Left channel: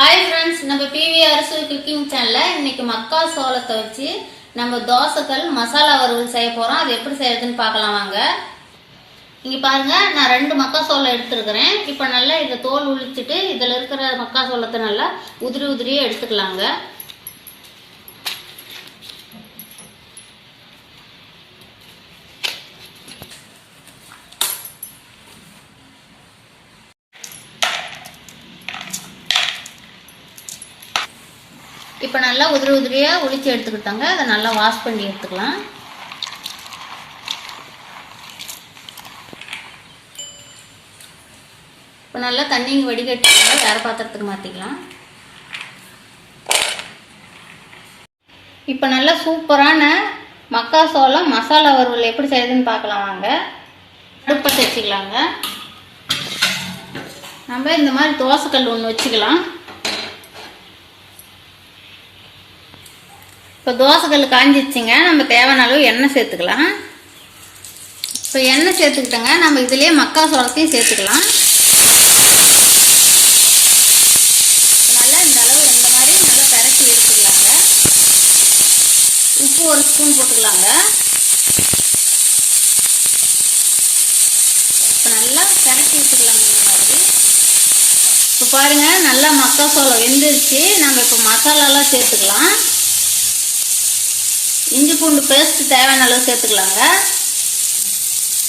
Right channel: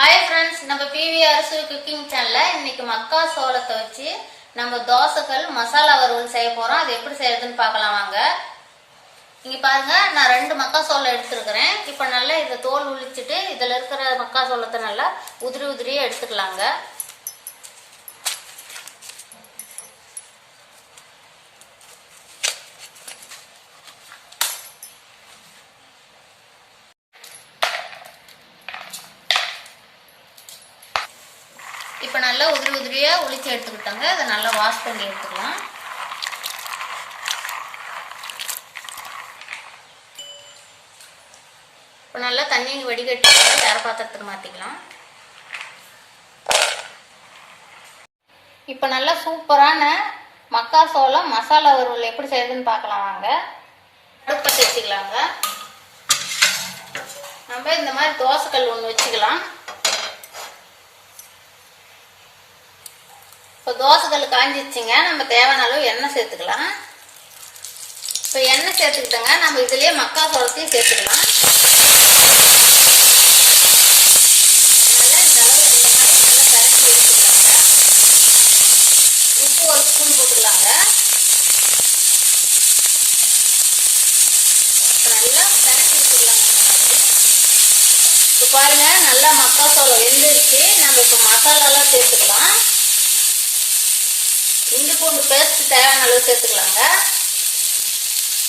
Hi friends, நம்ம PVRs cooking சேனல்ல இன்னைக்கு மக்கா சோளத்தை வச்சு நம்ம தோசைக்கல் மசாலா வறுவல் செய்ய போறோம். அது எப்படி செய்யறதுன்னு பார்க்கலாம் வாங்க. இங்க பாருங்க, நான் 2 மக்கா சோளம் எடுத்துருக்கிறேன். இப்போ நல்லா இதை தோல் உளிச்சிட்டு இதுல இருக்கிற மக்கா சோளத்தை நல்லா உதிரி உதிரியே எடுத்துக்கலாங்க. இப்போ நல்லா உதிரி உதிரியாக உளிச்சு எடுத்துக்கிட்டாங்க. அதை நல்லா வாஷ் பண்ணி எடுத்துக்கலாம். இப்போ நல்லா தண்ணி வடிகட்டி வேற பாத்திரத்துக்கு மாற்றிக்கலாம். இப்போ நல்லா சூப்பரான மக்கா சோளம் மசாலா வறுவல் எப்படி செய்யுதுன்னு பார்க்கலாம் வாங்க. அடுப்பை வச்சுக்கலாங்க. நம்ம இந்த மாதிரி தோசைக்கல் ஒன்று வச்சுக்கலாம். இப்போ தோசைக்கல் காஞ்சிச்சுங்க. நம்ம தேவையான அளவு எண்ணெய் சேர்த்துக்கலாம். இப்போ எண்ணெய் சேர்த்துக்கிட்டோங்க. நம்ம இதுலேயே மக்கா சோளத்தையும் சேர்த்துக்கலாம். நல்லா இந்த அளவு இந்த மாதிரி நல்லா கரைச்சி எடுத்துக்கலாங்க. உப்பு 1 ஸ்பூன் போட்டுக்கலாங்க. நல்லா கரைச்சி எடுத்துக்கலாங்க. இந்த மாதிரி இப்போ பாருங்க, நல்லா மக்கா சோளம் வெந்துருச்சு. நம்ம இப்போ மசாலாலாம் சேர்த்துக்கலாம். இஞ்சி பூண்டு பேஸ்ட் தேவையான அளவு சேர்த்துக்கலாங்க.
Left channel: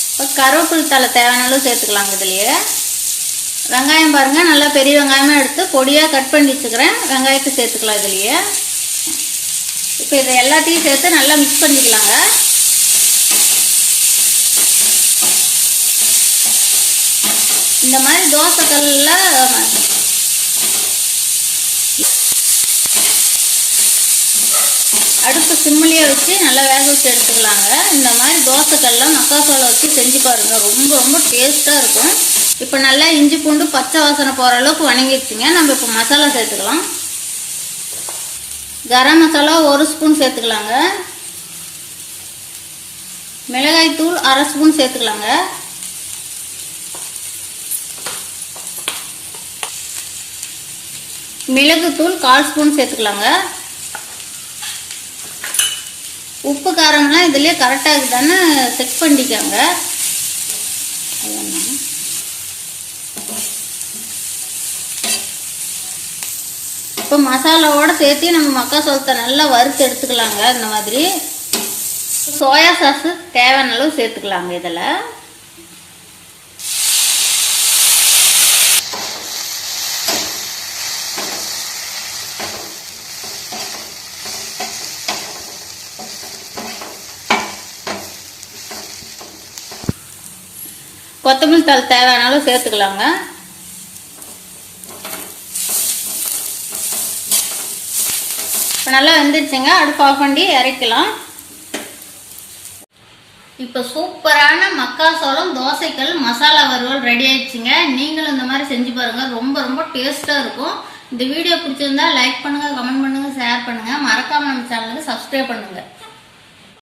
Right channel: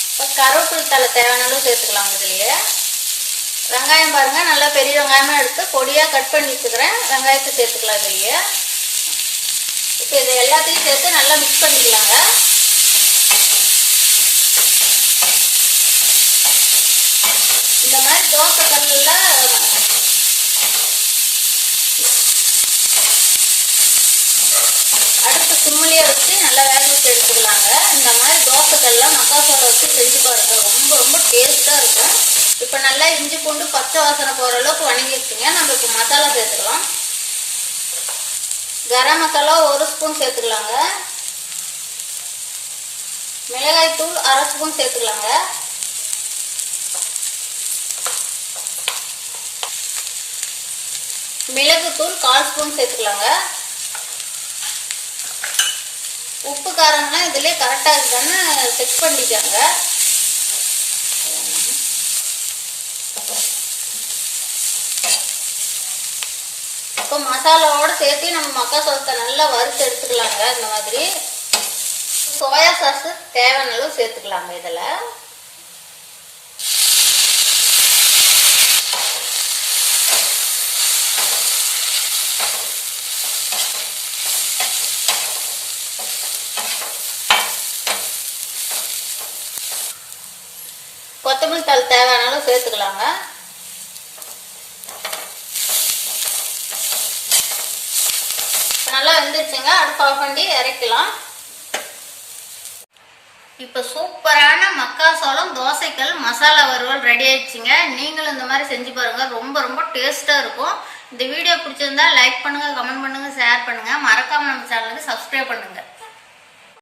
இப்போ கருவேப்பிலை தழை தேவையான அளவு சேர்த்துக்கலாங்க. இதுலேயே வெங்காயம் பாருங்க, நல்லா பெரிய வெங்காயமாக எடுத்து பொடியாக கட் பண்ணி வச்சுக்கிறேன். வெங்காயத்தை சேர்த்துக்கலாம் இதுலேயே. இப்போ இதை எல்லாத்தையும் சேர்த்து நல்லா மிக்ஸ் பண்ணிக்கலாங்க. இந்த மாதிரி தோசைக்கல்ல அடுப்பு சிம்மிலேயே வச்சு நல்லா வேக வச்சு எடுத்துக்கலாங்க. இந்த மாதிரி தோசைக்கல்லாம் மக்கா சோளம் வச்சு செஞ்சு பாருங்க. ரொம்ப ரொம்ப டேஸ்ட்டாக இருக்கும். இப்போ நல்லா இஞ்சி பூண்டு பச்சை வாசனை போகிற அளவுக்கு வணங்கிடுச்சுங்க. நம்ம இப்போ மசாலா சேர்த்துக்கலாம். கரம் மசாலா 1 ஸ்பூன் சேர்த்துக்கலாங்க. மிளகாய் தூள் 1/2 ஸ்பூன் சேர்த்துக்கலாங்க. மிளகுத்தூள் 1/4 ஸ்பூன் சேர்த்துக்கலாங்க. உப்பு காரம்லாம் இதுலேயே கரெக்டாக இருக்குதான்னு செக் பண்ணிக்கோங்க. இப்போ மசாலாவோட சேர்த்து நம்ம மக்கா சோளத்தை நல்லா வறுத்து எடுத்துக்கலாங்க. இந்த மாதிரி சோயா சாஸ் தேவையான அளவு சேர்த்துக்கலாங்க. இதில் கொத்தமல்லி தழை தேவையான அளவு சேர்த்துக்கலாங்க. நல்லா வெந்துடுச்சுங்க. அடுப்பு ஆஃப் பண்ணி இறக்கலாம். இப்போ சூப்பரான மக்கா சோளம் தோசைக்கல் மசாலா வறுவல் ரெடி ஆயிடுச்சுங்க. நீங்களும் இந்த மாதிரி செஞ்சு பாருங்க. ரொம்ப ரொம்ப டேஸ்டா இருக்கும். இந்த வீடியோ பிடிச்சிருந்தா லைக் பண்ணுங்க, கமெண்ட் பண்ணுங்க, ஷேர் பண்ணுங்க. மறக்காம நம்ம சேனலுக்கு சப்ஸ்கிரைப் பண்ணுங்க.